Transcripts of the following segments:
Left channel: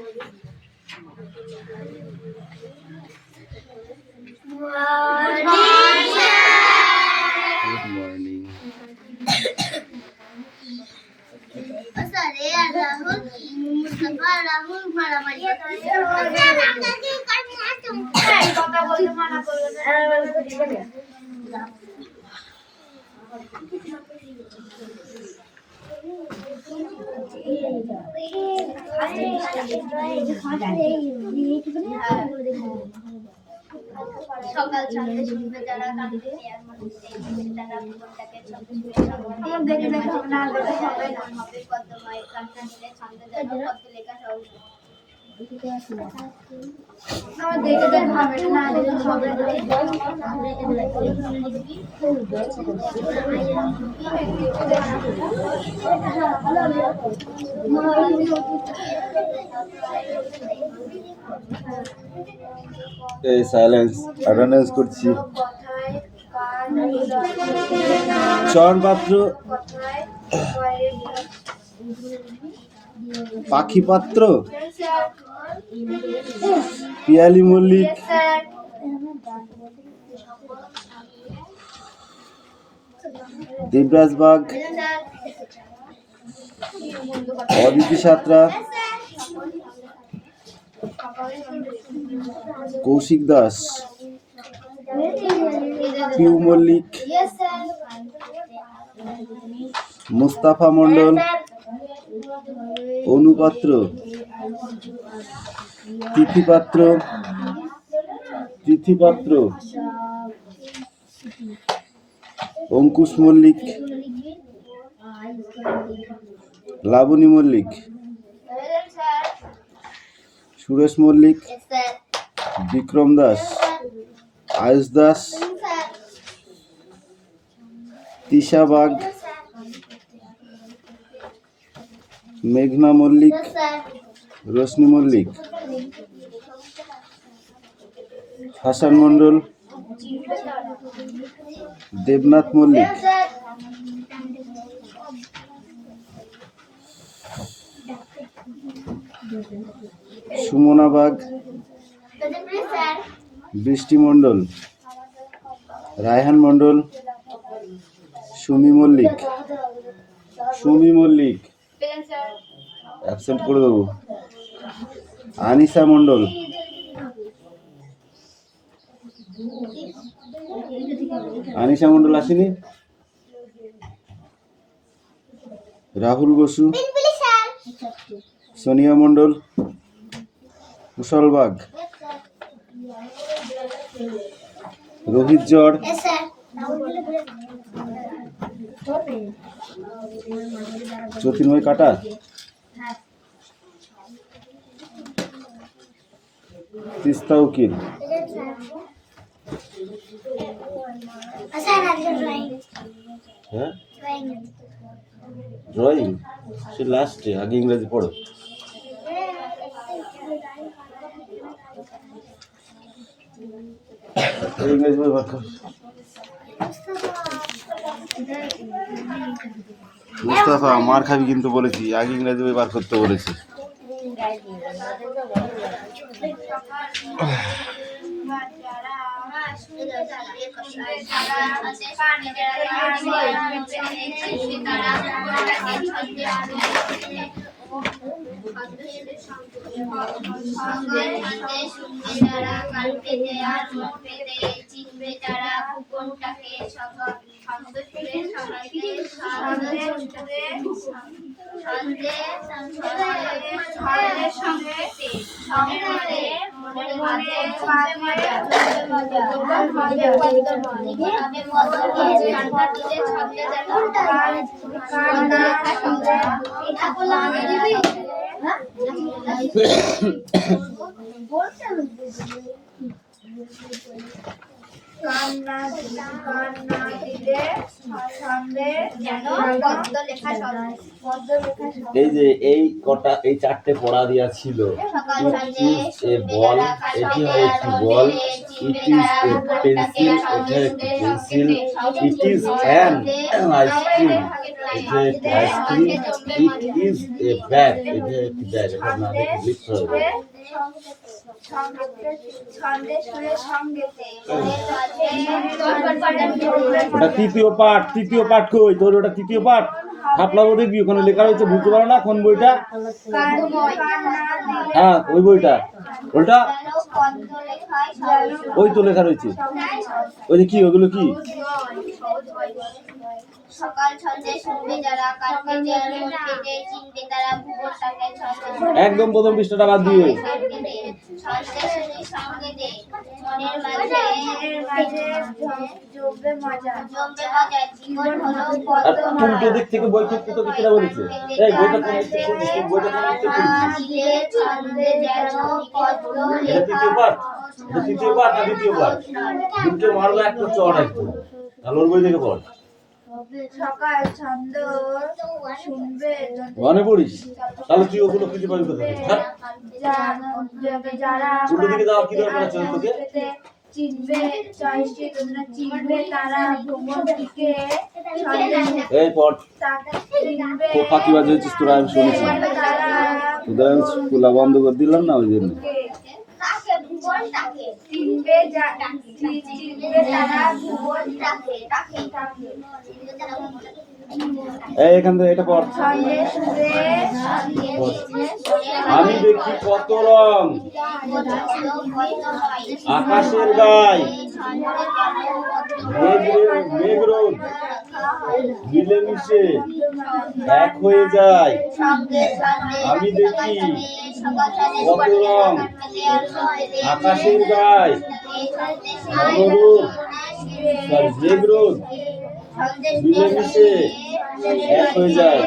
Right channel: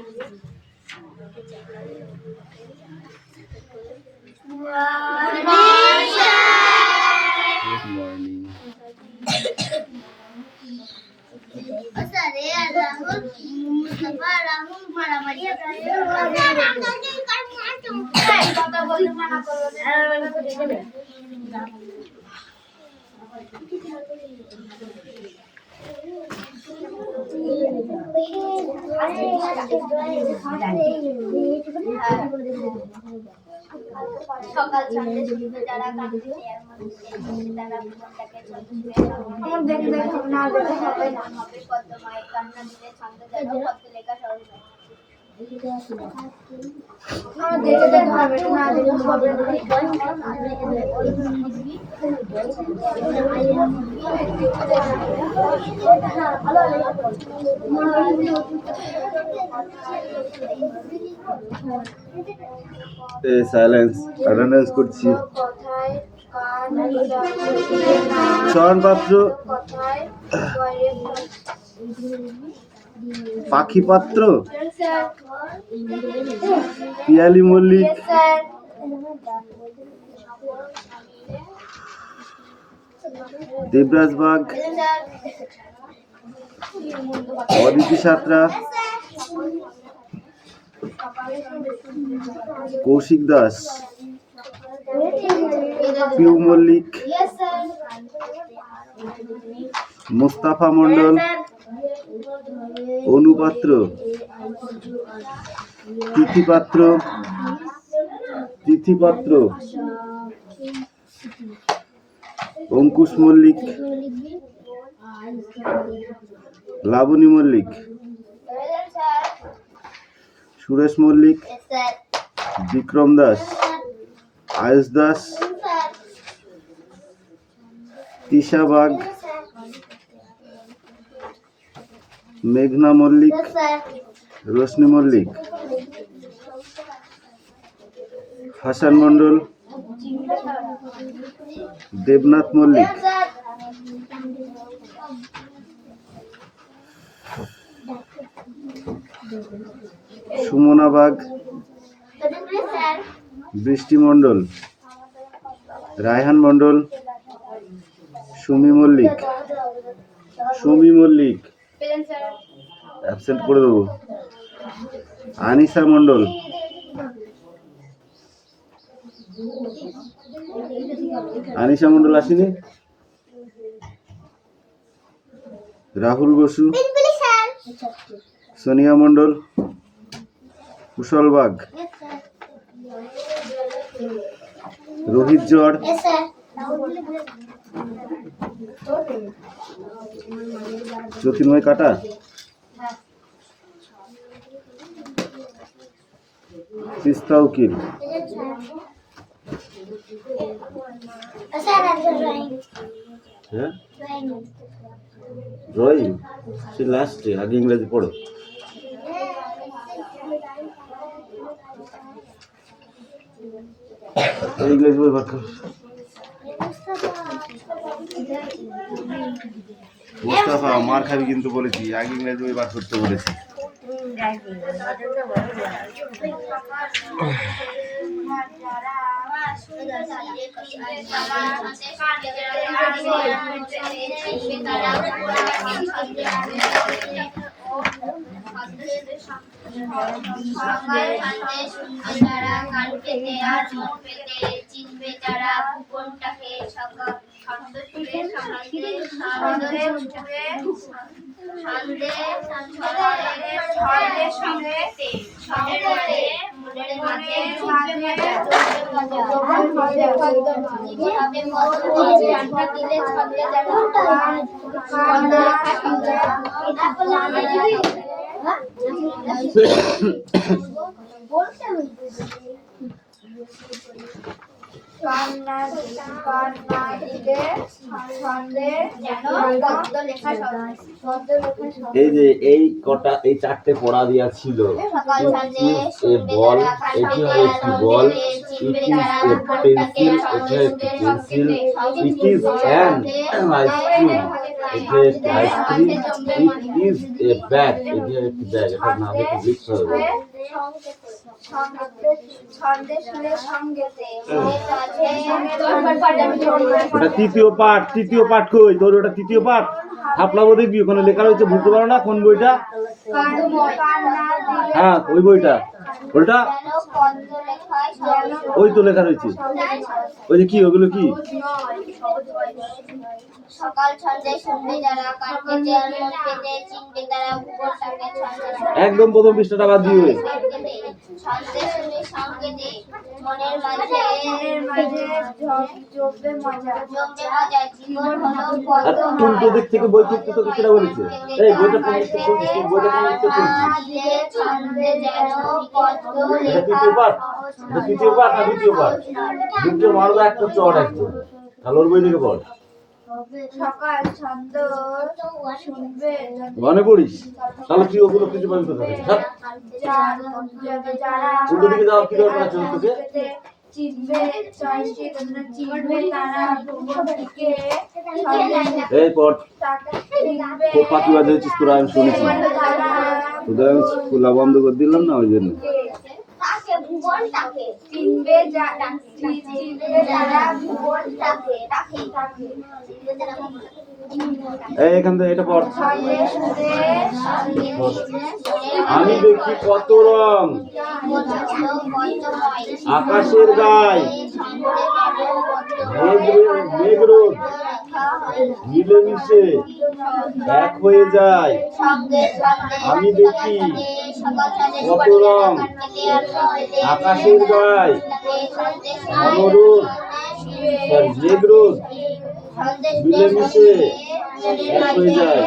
Good morning. সকাল সন্ধ্যে শুনবে যারা কাঁদতে আর মনে তারা ভুবনটাকে ছন্দ ছুঁয়ে হবে পদ্ম মায়ের কান্না দিলে ছন্দ যেন পদ্ম লেখা সহজ সাইলেন্স অ্যাটেন্ডেন্স করছি। চয়ন পাত্র, পাখি পাত্র, পিয়ালি মল্লিক, দেবরাজ বাগ, অদিতি সাঁতরা, কৌশিক দাস, পিউ মল্লিক, মুস্তাফা মন্ডল, অনুপাত্র, তিথিপাত্র, অঙ্কুশ মল্লিক, লাবণী মল্লিক, সুরেশ মল্লিক, বিক্রম দাস, আয়ুষ দাস, তিশা বাগ, মেঘনা মল্লিক, রোশনি মল্লিক, হাসান মন্ডল, দেবনাথ মল্লিক, সুমনা বাগ, বৃষ্টি মন্ডল, রায়হান মন্ডল, সুমি মল্লিক অ্যাবসেন্ট করে দেবো, আনিসা মন্ডল, আসেনি, রাহুল বসু, সোনিয়া মন্ডল, কুশল বাগ, রোহিত জড়, জ্যোতির্ময় কাটা, তিস্তা উকিল, হ্যাঁ ড্রয়িং সে লাস্টে, আগে ইংরেজি পড়ো। ইংরেজি বই বার কর। মুস্তাফা মার খাবি কিন্তু বলেছি, আগে ইংরেজি বই বার করতে বলেছি। এই যে এই কটা, এই চারটে পড়া দেওয়া ছিল। এ বল, এটি হচ্ছে বল, ইট ইজ এ পেন্সিল, এটা হচ্ছে pencil, it is an ice cream, এটা একটি ice cream, it is a bag, এটা একটি ব্যাগ, এটা না দেখে লিখতে হবে। ওটা তৃতীয় পাঠ, তৃতীয় পাঠ কই তোর? ওটা তৃতীয় পাঠ, থাপলাবো দেখবি ওখানে লেখা রয়েছে, বুঝতে পারো না কোন বইটা? হ্যাঁ ওই বইটা, ওইটা ওই তো লেখা রয়েছে। ওই যে কি, ওগুলো কি? সকাল ছন্দে শুনবে যারা, কাল কেটে আর মন কেটে চিনবে তারা, ভূগোলটাকে ছন্দে একদম প্রথম পৃষ্ঠাটা বাদ দিয়ে। ছন্দে শুনে সঙ্গে দে, মনের মাঝে জমবে মজা, জীবন হলো আর কোনটা দিক থেকে বই তুলতে তোকে কেটা বলেছে? এই বইটা কোন দিক থেকে পড়ছিস? বইটা কোন দিক থেকে পড়ছিস? ছন্দে যেন পদ্ম এটা তৃতীয় পাঠ, এটা তৃতীয় পাঠ না দ্বিতীয় পাঠ? দুটো মারবা একটা চড় একদম, তাহলে ওর বই থেকে পড়। সকাল ছন্দ শুনবে মনে পড়িস? তাহলে তুই ওগুলো খুঁজে পাবি কোথায়? হ্যাঁ যারা উল্টো দিকে যাওয়ার কি দরকার আছে তোকে? চিনবে চিনবে তারা, ভ্রমণটিকে এই পড়, খুব ফাঁকি বাজে হচ্ছিস তোরা, আমি শুনেছি তোদের, আমি খোলা বন্ধ করে দিলাম না ওই জন্য। চিনবে তারা, ভুবনটাকে এই এখান থেকে এটা পড়। আমি দেখি কত রং আকাশের গায়ে, মেঘরোদ মিলেমিশে এক হয়ে যায়। আমি দেখি কত রং আকাশের গায়ে, মেঘরোদ মিলেমিশে এক হয়ে যায়।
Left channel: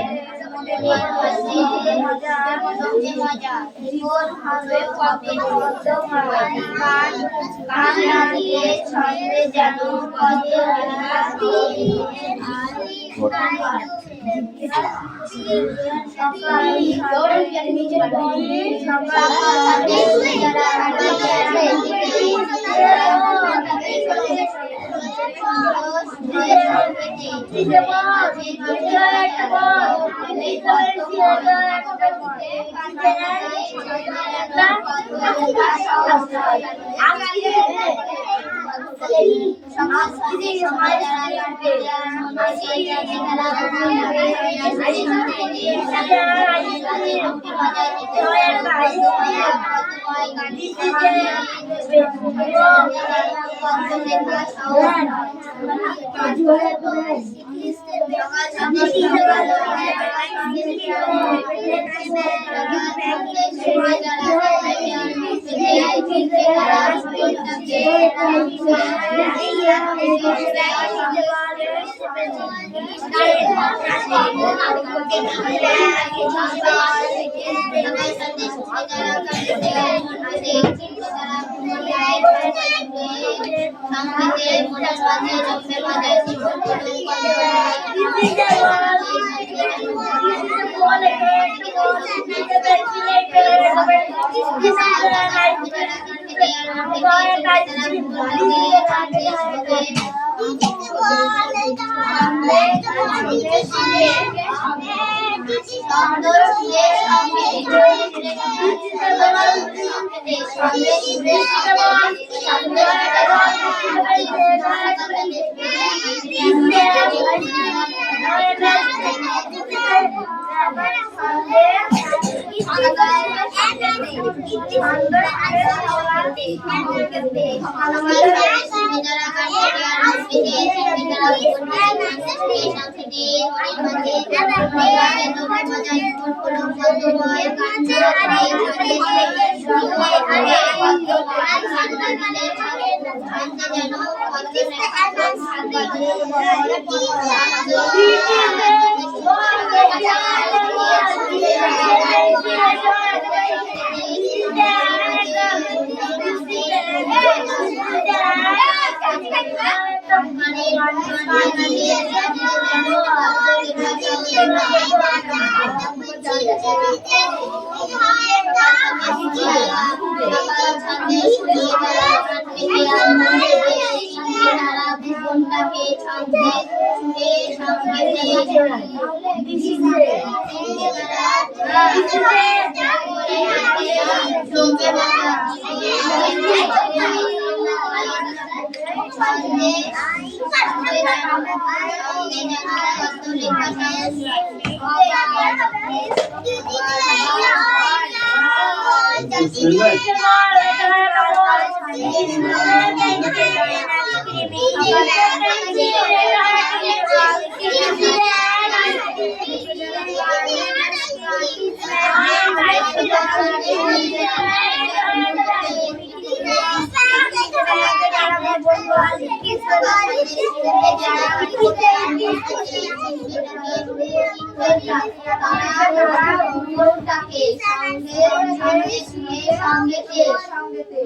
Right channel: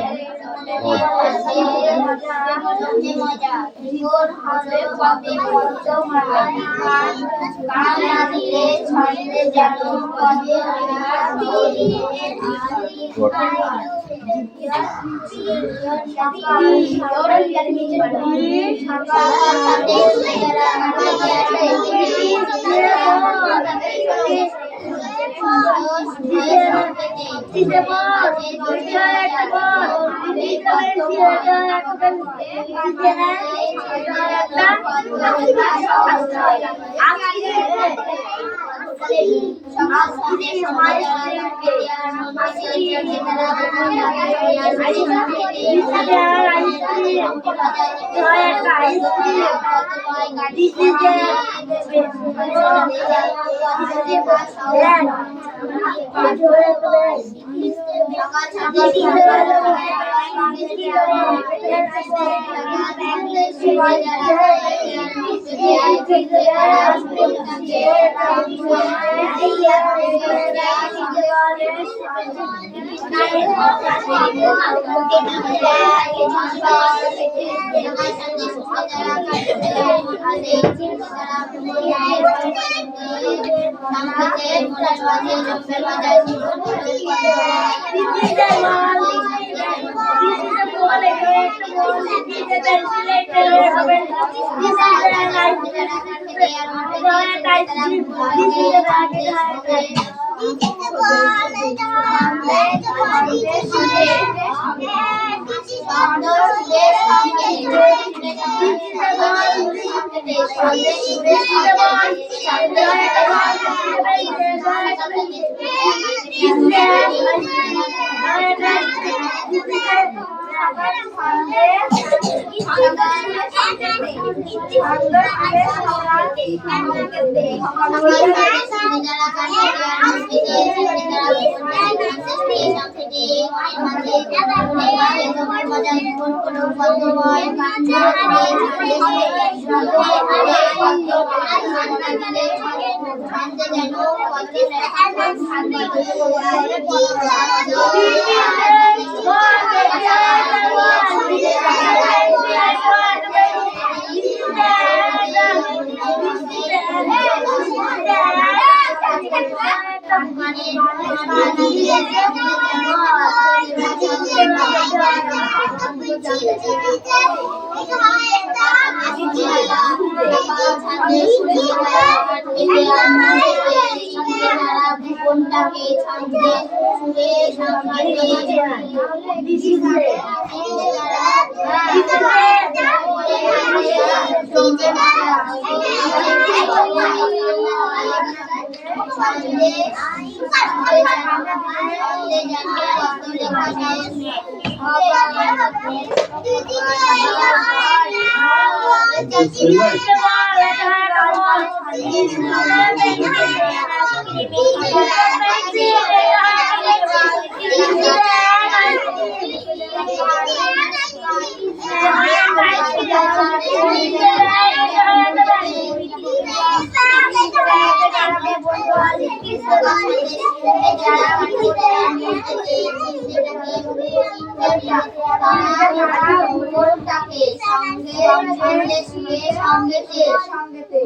এই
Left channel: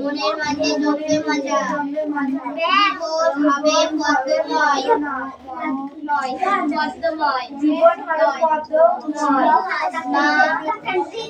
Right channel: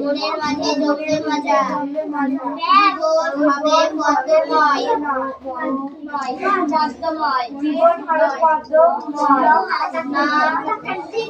মনের মাঝে জমবে মজা জীবন হবে পদ্মময় জীবন হবে পদ্মময় কান্না দিলে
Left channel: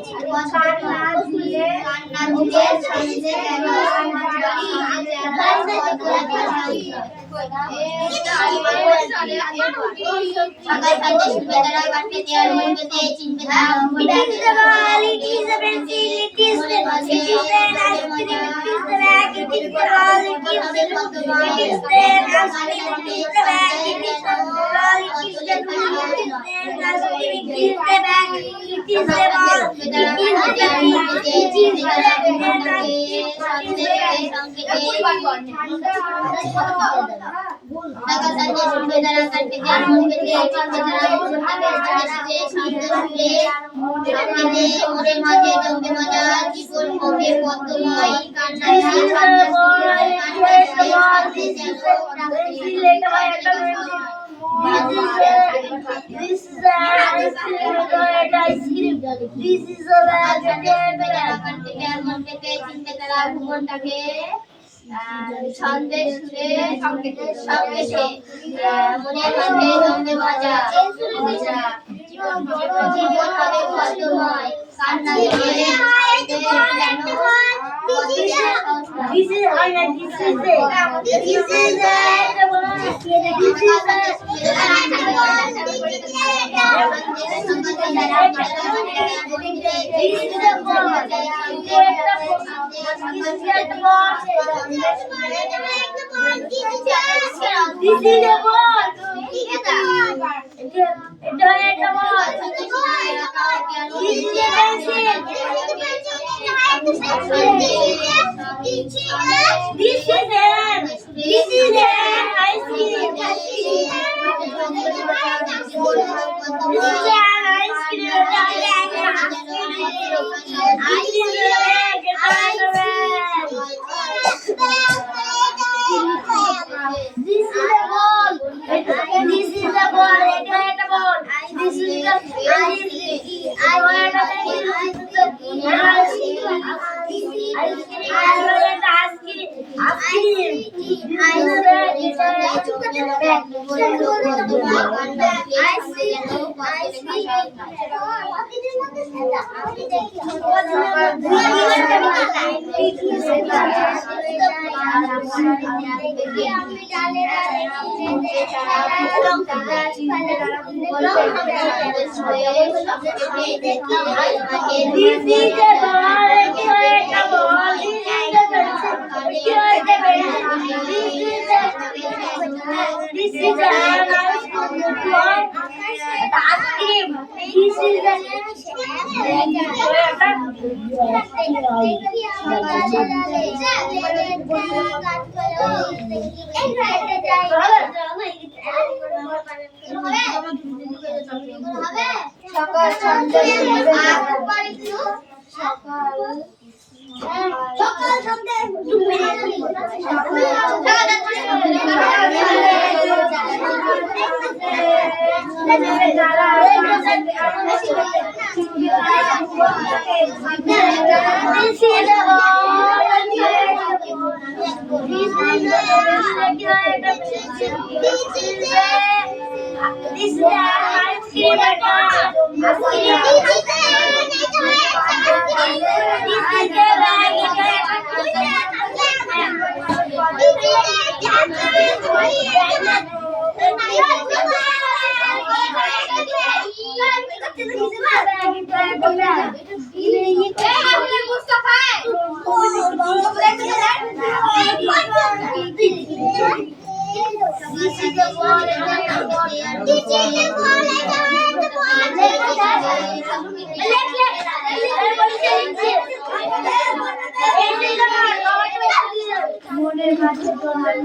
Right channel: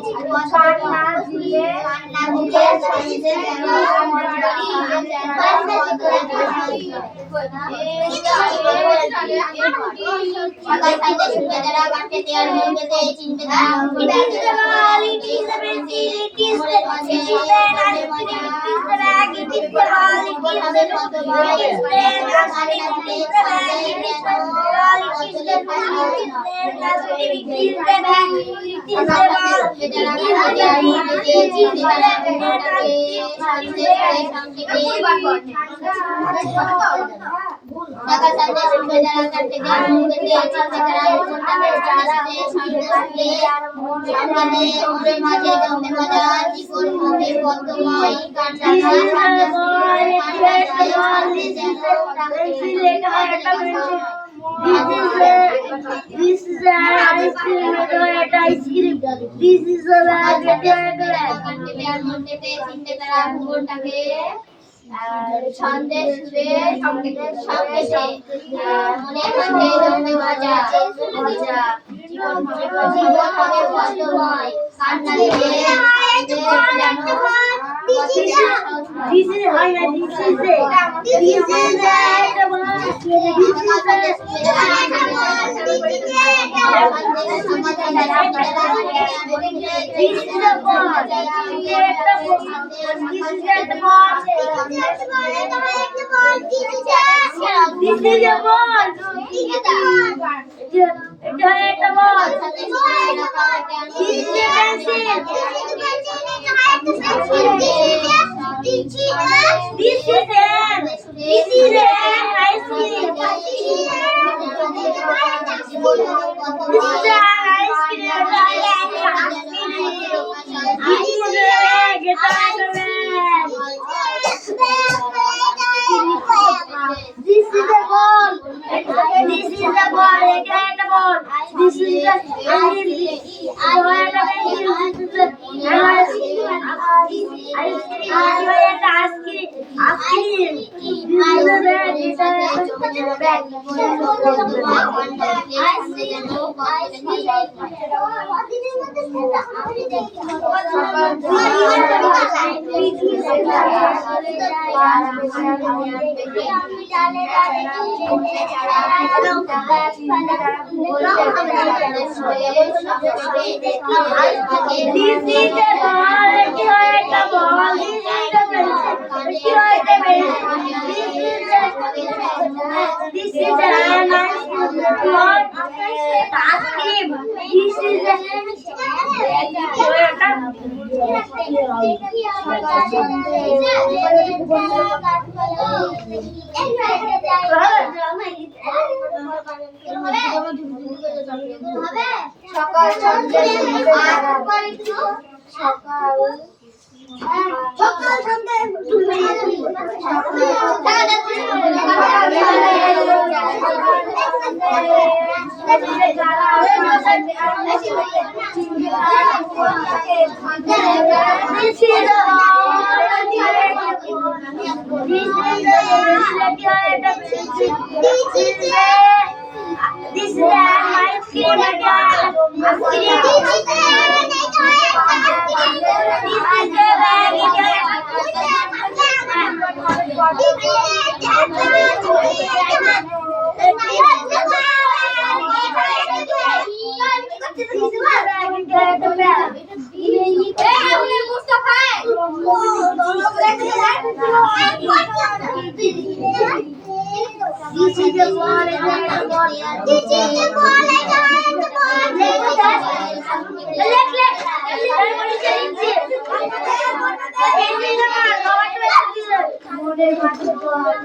This is ice cream. This is a Sandesh সুরে সংকেতে মনের মধ্যে জমবে মজা জীবন হবে পদ্মময় কান্না দিলে This is সকাল সন্ধ্যা This is ice cream. This is মনের মাঝে তোমার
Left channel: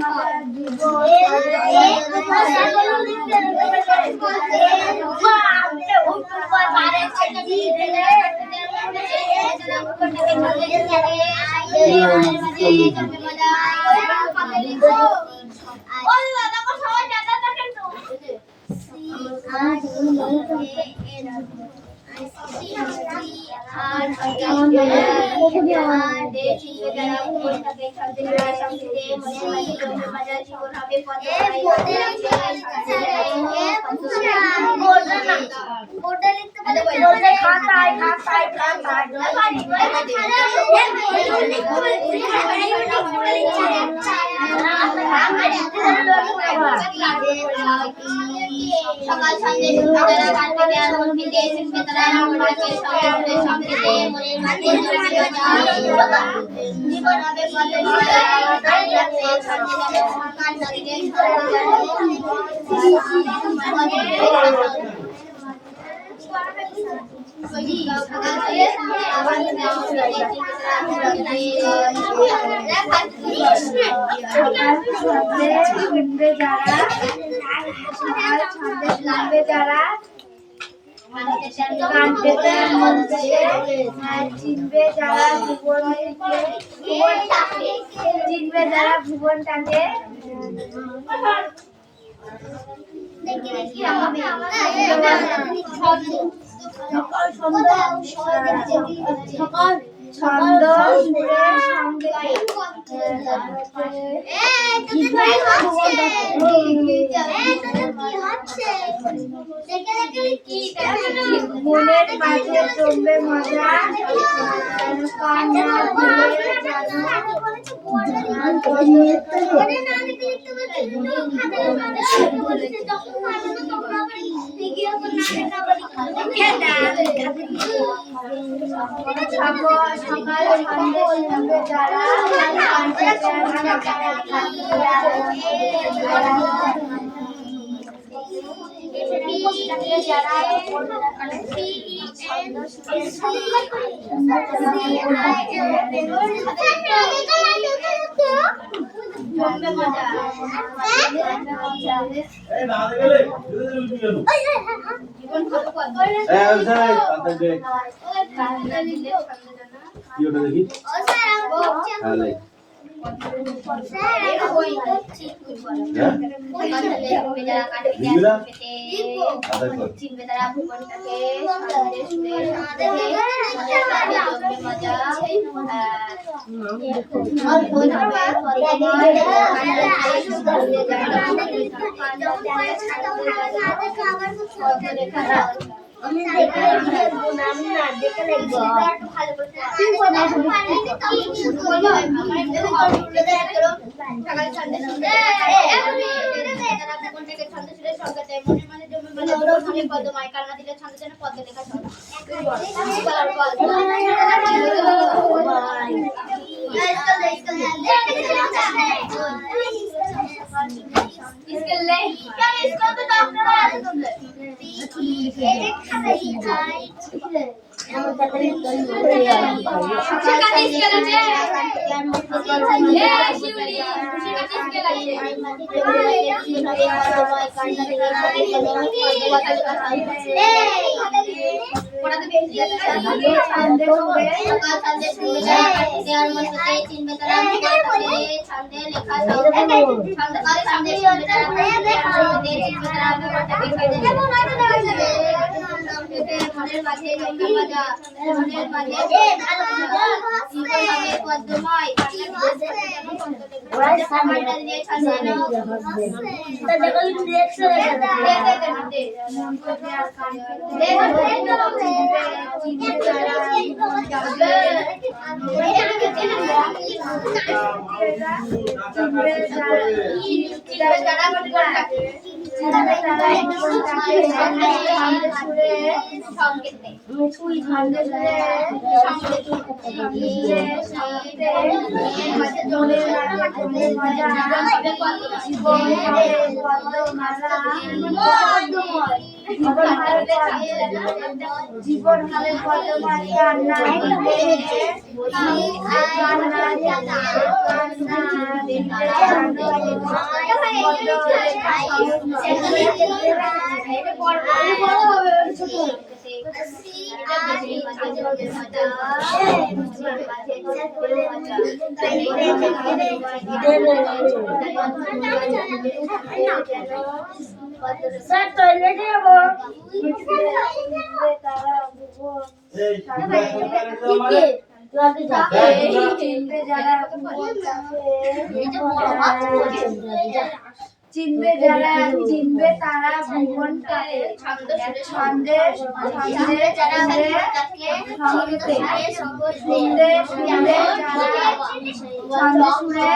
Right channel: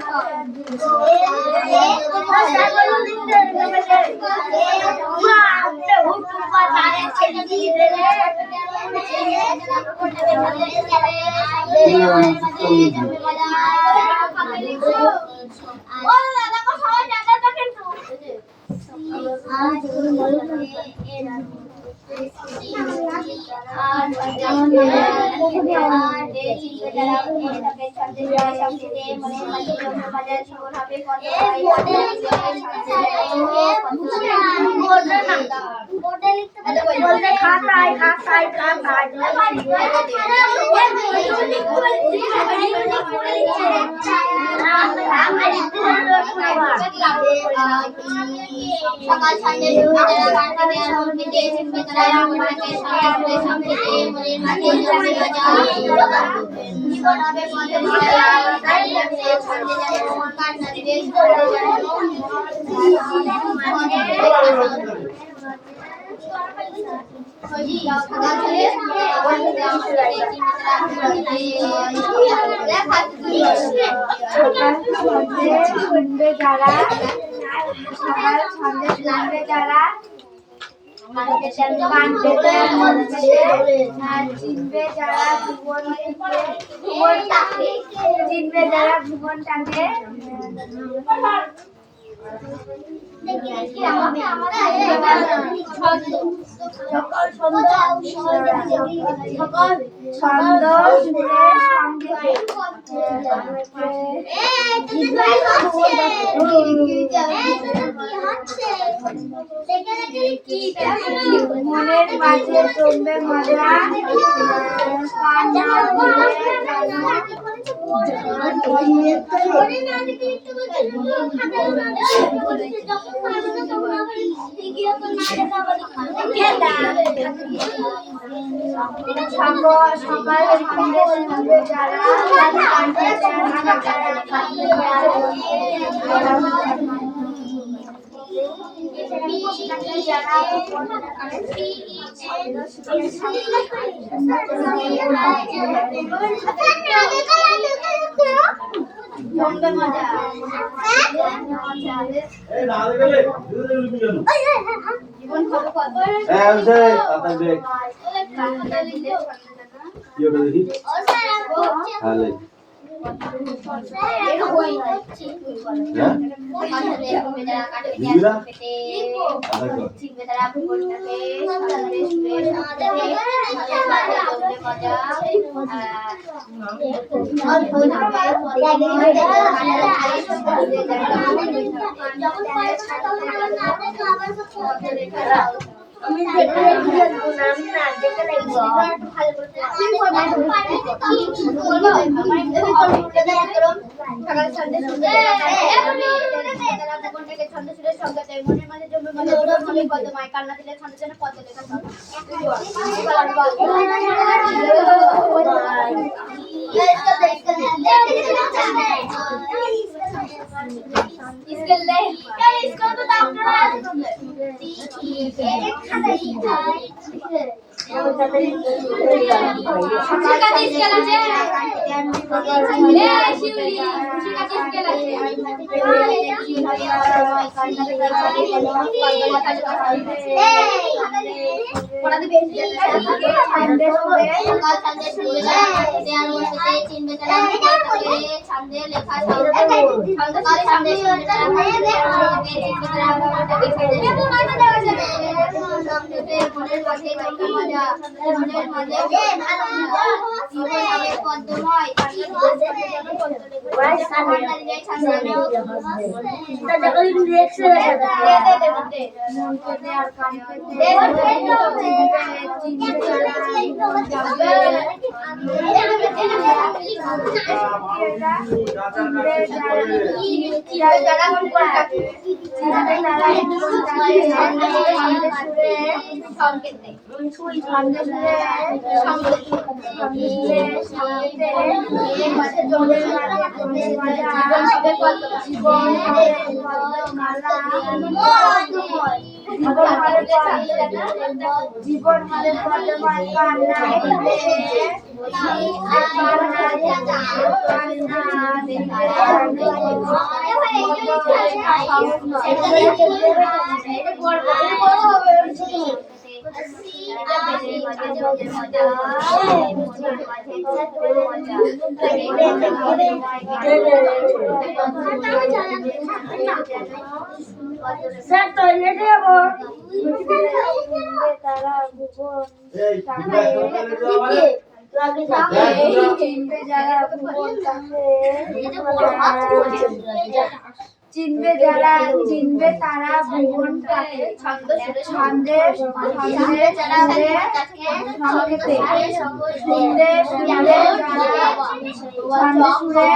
সকাল সন্ধ্যে যারা গান গাইতে আর মনকে দিয়ে শিখবে তারা আমাকে সঙ্গে সঙ্গে মনের মাঝে জীবন হবে পথে সন্ধ্যে যারা গান গাইতে যারা চিনবে যারা ভুবনটাকে ছন্দ সুরের সঙ্গে মনের মাঝে জমবে মজা কান্না দিলে ছন্দ যেন পদ্ম লেখা इसके ले क्या इसको तो डॉक्टर है एक खाता ही था खुशी का चीज के लगे ए शिवली खुशी का चीज के लगे पढ़ा दे भेज दिया छंदे सकाल छंदे सुबह यार मन में चिन्ह में छंदे लेखा छंद काल छंदे মনের মাঝে মজা মনের মাঝে জীবন হবে পদ্মময় কান্না দিলে ছন্দ জীবন হবে বর্তমান কান্না স্যার টয়লেটে যাবো তারা চিনবে যারা চিনবে তারা ভুবনটাকে ছন্দে যারা সংকেতে শুনলে শুনলে ছন্দে সুরে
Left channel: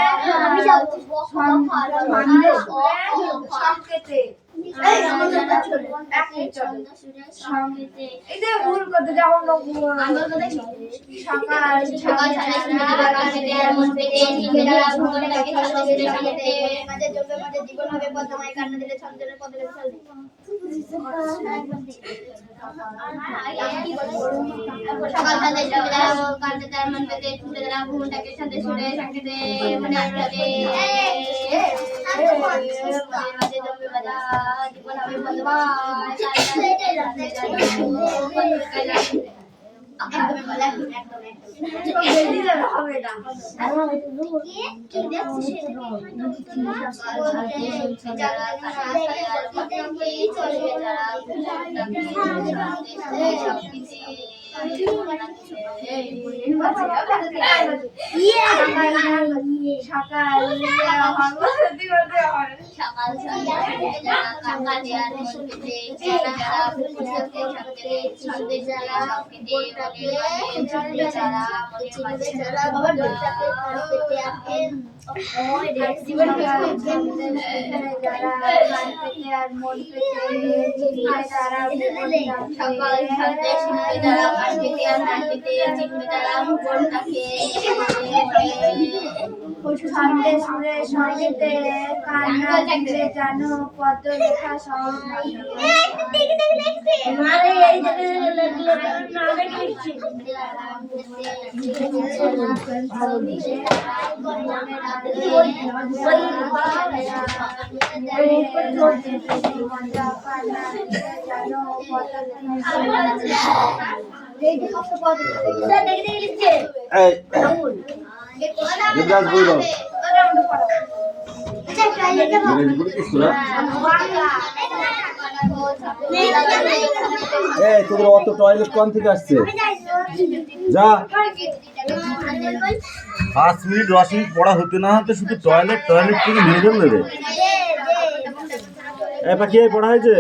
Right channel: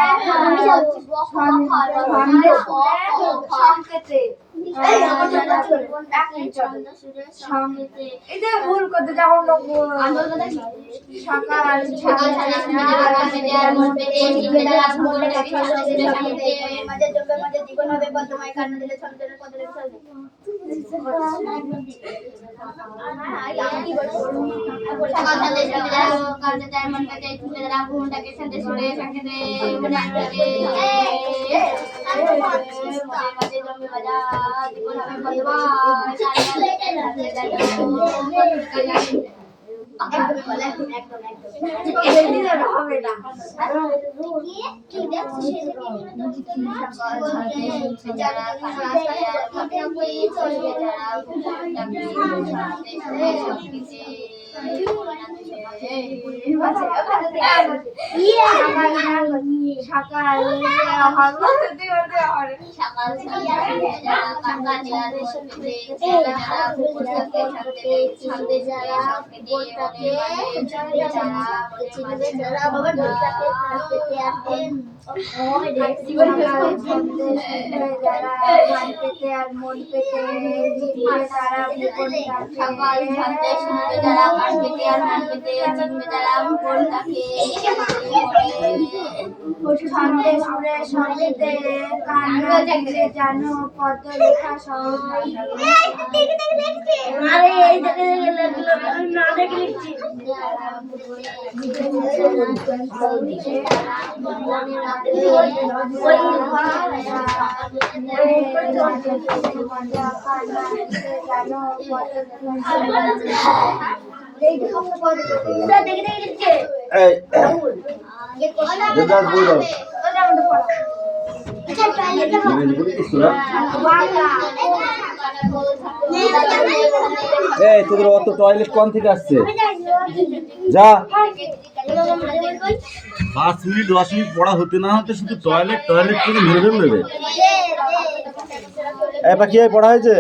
ছন্দে সুরে সংকেতে এটা ভুল করতে যাবো সকাল সকাল জীবন হবে পদ্মময় কান্না দিলে ছন্দের পদলে সকাল সন্ধ্যে কালকে তার মন পেতে ছুটে যারা ঘুমটাকে সন্ধ্যে ছুটে সংকেতে মনে আসবে মাঝে জমে বাজা জীবন হবে পদ্মময় সঙ্গীতে কান্না দিলে জানো কত লেখা সহজ তোদের অত টয়লেট কোন থেকে আসছে? যা 5 মিনিট 10 মিনিট পড়া হতে না হতে শুধু টয়লেট টয়লেট থেকে মেরে ফেললে রে। এবার কি পড়া হয়েছে?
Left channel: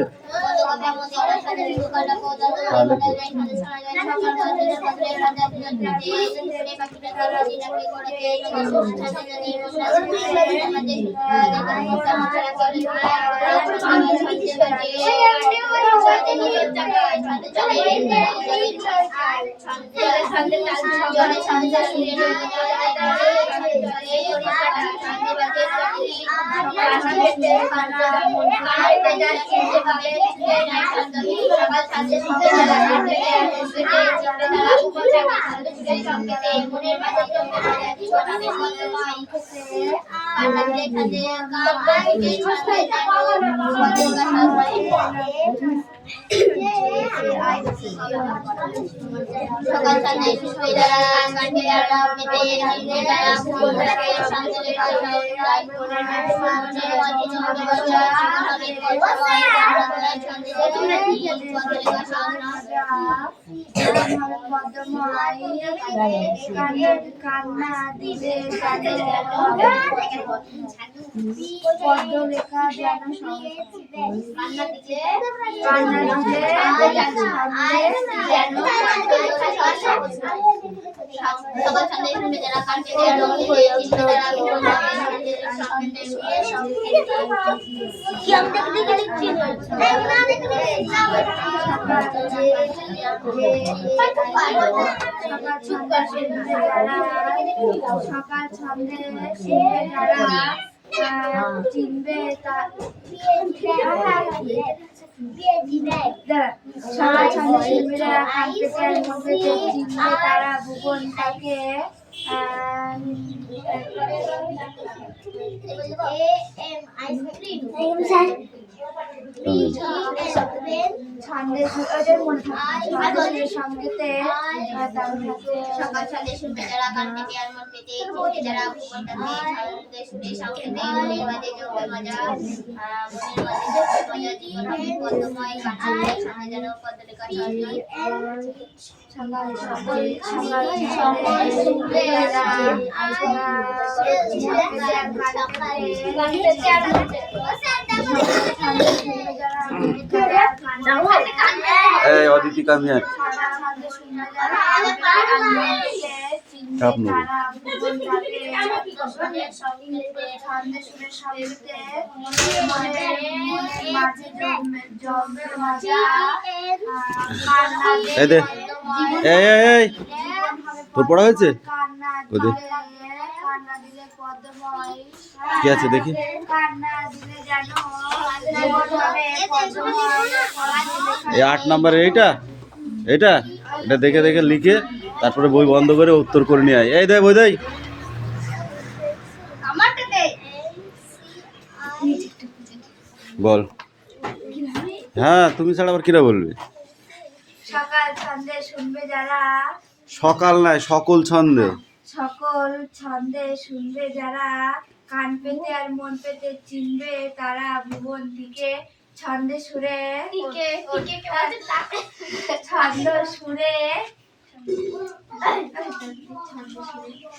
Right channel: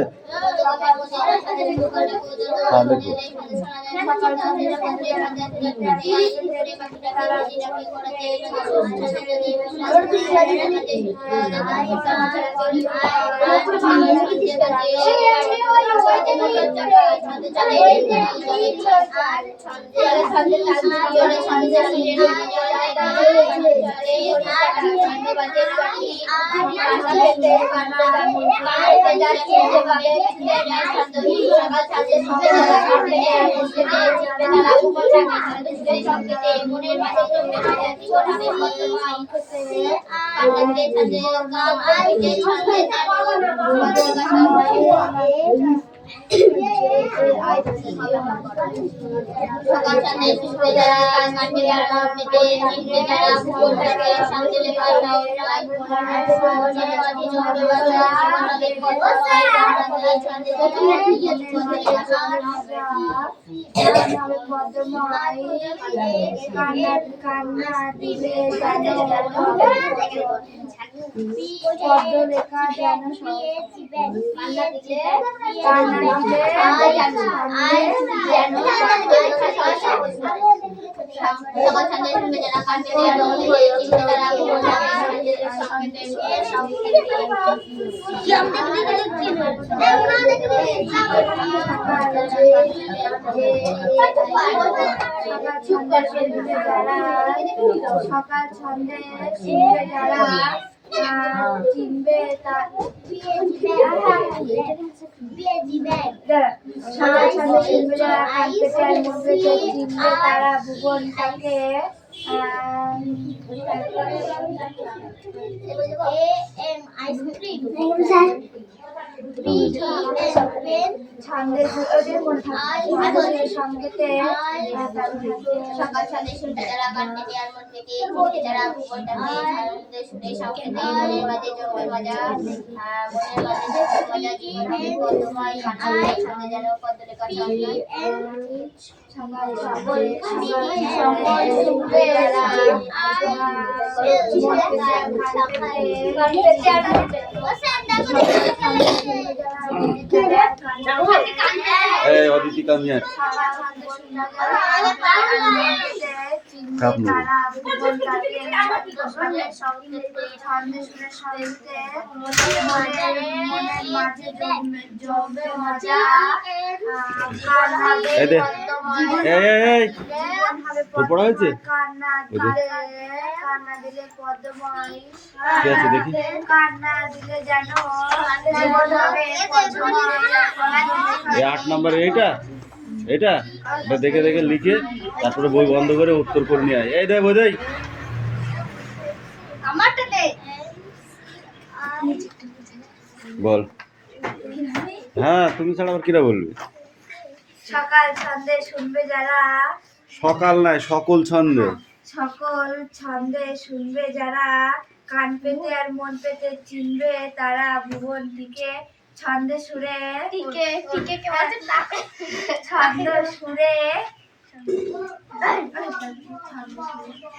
কান্না দিলে পদ্ম লেখা যেন কান্না দিলে সকাল সন্ধ্যে শুনবে যারা কান পেতে আর মন পেতে চিনবে তারা ভুবনটাকে সংকেতে শুনে সংকেতে কি আমি দেখতে লিখছি না দেখতে সকাল সন্ধ্যে শুনবে যারা চিনবে সকাল সন্ধ্যে শুনবে যারা কান পেতে আর মন পেতে চিনবে তারা ভুবনটাকে সংকেতে সকাল সন্ধ্যে শুনবে যারা কান পেতে আর মন পেতে চিনবে তারা ভুবনটাকে সন্ধ্যে শুনে সংকেতে মনের মাঝে জমবে মজা মনের মাঝে জমবে মজা জীবন হবে পদ্মময় কান্না সঙ্গে যেন পদ্মলেখা চন্দন সকাল শুনবে এই অদিতি কাম হিয়ার কাপনো এই দে এই তোর পড়া হয়েছে কি আছে দেখি এই 8 নম্বরের এটা এটা এটা দেখে দেখে লিখে তারপরে বই বন্ধ করে উত্তর করে নিয়ে আয়। এই দে বই দেই বল। হ্যাঁ তুমি ছাড়া আবার কিরা বলবে? সকাল ছন্দে শুনবে যারা সকাল নাই সকল ছন্দে সকল ছন্দে শুনবে যারা কান পেতে আর মন পেতে চিনবে তারা ভুবন দিকে ছন্দে সুরে ছন্দ সুরে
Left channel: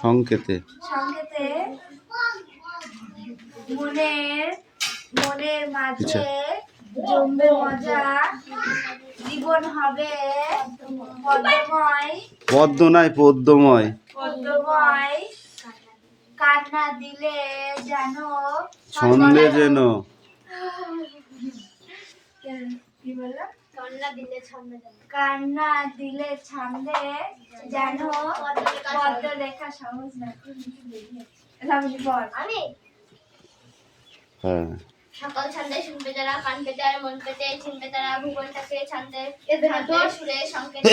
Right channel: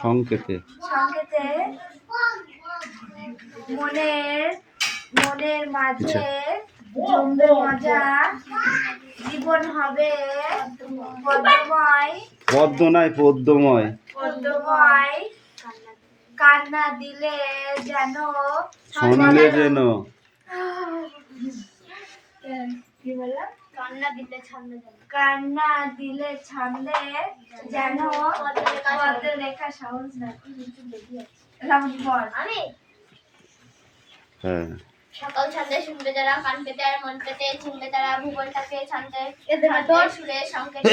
সংকেতে সংকেতে মনের মাঝে জমবে মজা জীবন হবে পদ্মময় পদ্ম নাই পদ্মময় কান্না দিলে যেন ছন্দে যেন কি বললাম কান্না দিলে ছন্দে কান্না দিলে ছন্দে যেন পদ্মলেখা সহজ না বল আমি হ্যাঁ সকাল সন্ধ্যে শুনবে যারা কান পেতে আর মন পেতে চিনবে তারা ভূগোলটাকে ছন্দে সুরে সংকেতে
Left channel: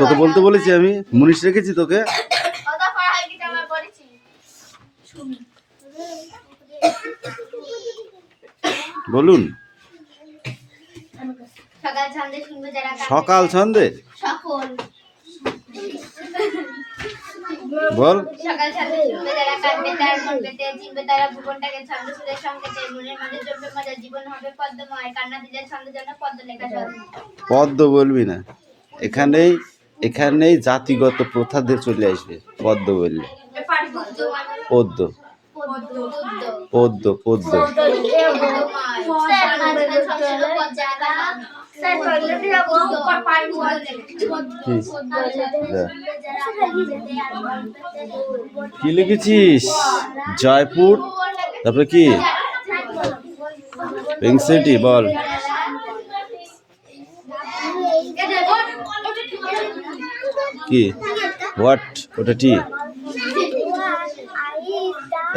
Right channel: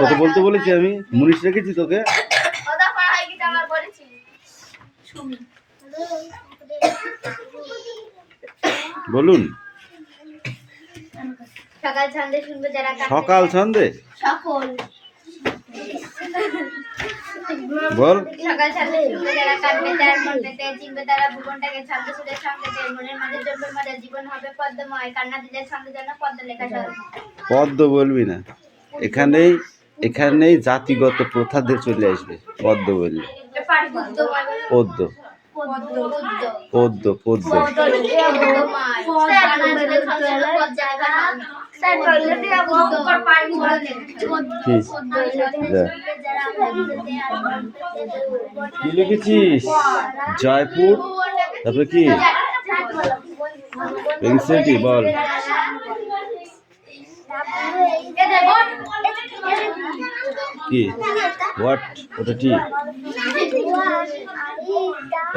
কত বলতে বলেছি আমি মুনিশ রেখেছি তোকে বলুন সকাল সন্ধ্যে শুনবে যারা সকাল সন্ধে সকল বল সকাল সন্ধ্যে শুনবে যারা কান পেতে আর মন পেতে চিনবে তারা ভুবনটাকে ছন্দ সুরে সংকেতে মনের মাঝে জমবে মজা জীবন হবে পদ্মময় কান্না দিলে ছন্দ যেন পদ্ম লেখা পদ্ম বলবি না, এখানেই জাতিগত প্রথাদের চলে আসবে। পদ্ম বললে পদ্ম পদ্ম পদ্ম কি লিখেছিস? জয়পুর, তারপরে কি পিঙ্ক সিটি? বল কি হোয়াট ওটা টি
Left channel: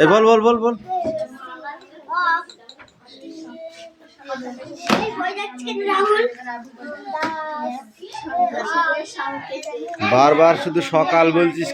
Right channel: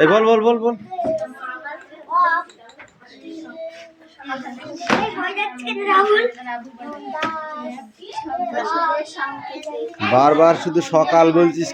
এ বল বল বল বল বারবার শুধু সকাল বলছিস।